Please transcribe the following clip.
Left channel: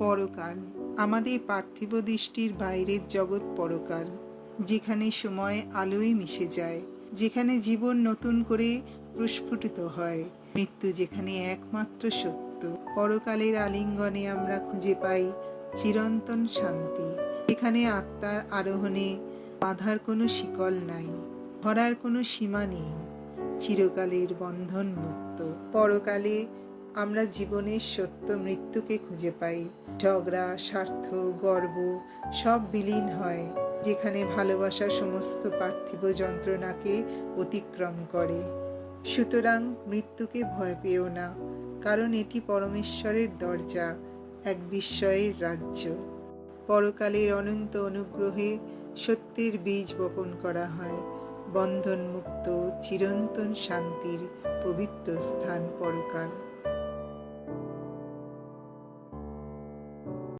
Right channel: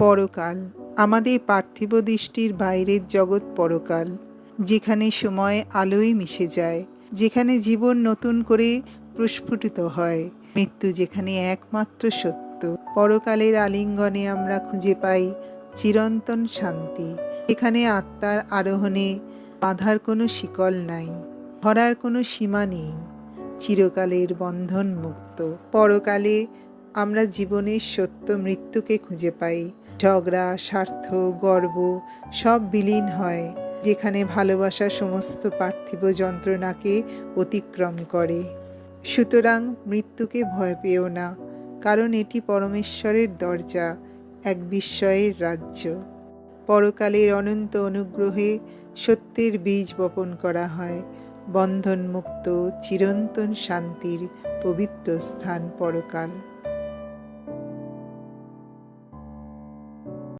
পরকাল, আমাদের পার্থিব দৃষ্টির বাইরের জগৎ পরকাল, যেখানে সময় আলোয় মিশে যায়, যেখানে জীবন নতুন করে প্রস্ফুটিত হয়, মৃত্যু যেখানে একমাত্র সত্য। পরকালের আলিঙ্গনে আমরা খুঁজে পাই চিরন্তন শান্তি এখানে আত্মার আরোহণে বাঁধার কোনো শিকল নাই, ধরার কোনো সীমা নেই, চিরকালের বন্ধন মুক্ত। পরকালে আমরা জীবনের সত্য মৃত্যুকে খুঁজে পাই ঝগড়া, স্বার্থ, গর্ব সব বিলীন হয়, যেখানে ভালোবাসা সমস্ত পার্থিব যন্ত্রণাকে অতিক্রম করে। সুতরাং মৃত্যুকে ভয় পেও না, কারণ এটি পরমেশ্বরের দরজা, এক বিস্ময়ের রাজ্য। পরকালের অনন্ত অনুগ্রহে সত্যের বীজ বপন করা হয়, বন্ধনমুক্ত চিরন্তন শান্তির পবিত্র স্থান পরকাল।